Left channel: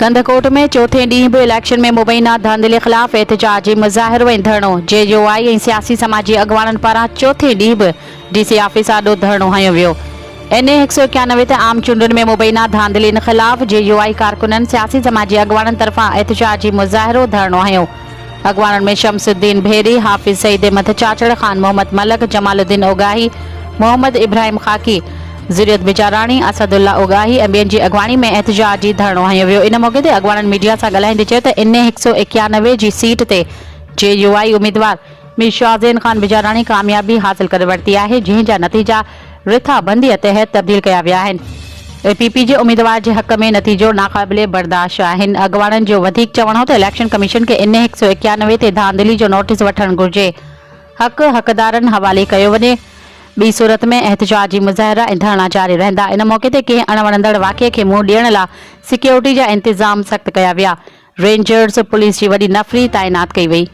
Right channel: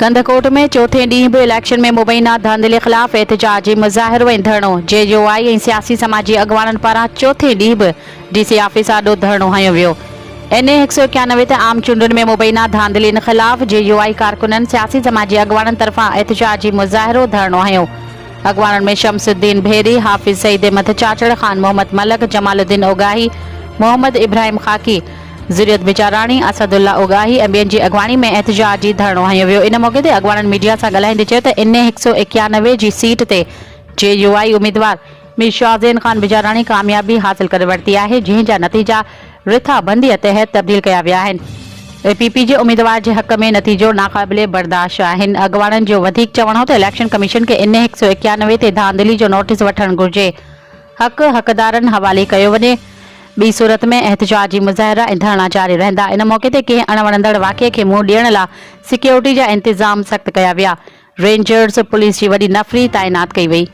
कंदकोट में चौथे ॾींहुं बि इलेक्शन में मुबैना धांधले ख़िलाफ़ एहतजाजी मुज़ाहिरो ऐं धरणो JUI ऐं सियासी समाजी अॻुवाणनि पारां चौथे ॾींहुं बि DC ऑफिस आॾो धरणो हंयो वियो। NA 191 ते आम चूंडुनि में मुबैना धांधलियुनि ख़िलाफ़ JUI कारकुननि सियासी समाजी अॻुवाणनि तरफ़ां एहतजाजी मुज़ाहिरो धरणो हंयो। अॻुवाणनि में शमसुद्दीन भेरी, हाफ़िज़ सईद अहमद चाचड़, ख़ान मोहम्मद मलक, जमालुद्दीन ओगाही, मोहम्मद इब्राहिम खाकी, ज़ुरियत बिचाराणी, असदुल्ला ओगाही ऐं ॿियनि जी अॻुवाणी में एहतजाजी धरणो हंयो वियो। इन मौक़े ते अॻुवाणनि मीडिया सां ॻाल्हाईंदे चयो त NA 191 जी सीट ते JUI उम्मीदवार मीर शाहज़ैन ख़ान बिचाराणी कामयाबी हासिल करे वरिती आहे, जंहिं जा नतीजा रिथाबंदीअ तहत तब्दील कया विया आहिनि। APP जे उम्मीदवार जे हक़ में नतीजो नाक़ाबिले बर्दाश्त आहिनि। अॻुवाणनि जो वधीक चवणो त इलेक्शन कमीशन खे NA 191 ते धांधली जो नोटिस वठणु घुर्जे। हक़ हक़दारनि हवाले कयो वञे। ॿी सूरत में एहतजाजी मुज़ाहिरा ऐं धरना जारी रहंदा। इन मौक़े ते कंहिं अणवणंदड़ वाक़िए खे मुंहुं ॾियण लाइ सिक्योरिटी जा इंतज़ाम सख़्त कया विया। रेंजर्स पुलिस जी वॾी नफ़री तैनात कई वई।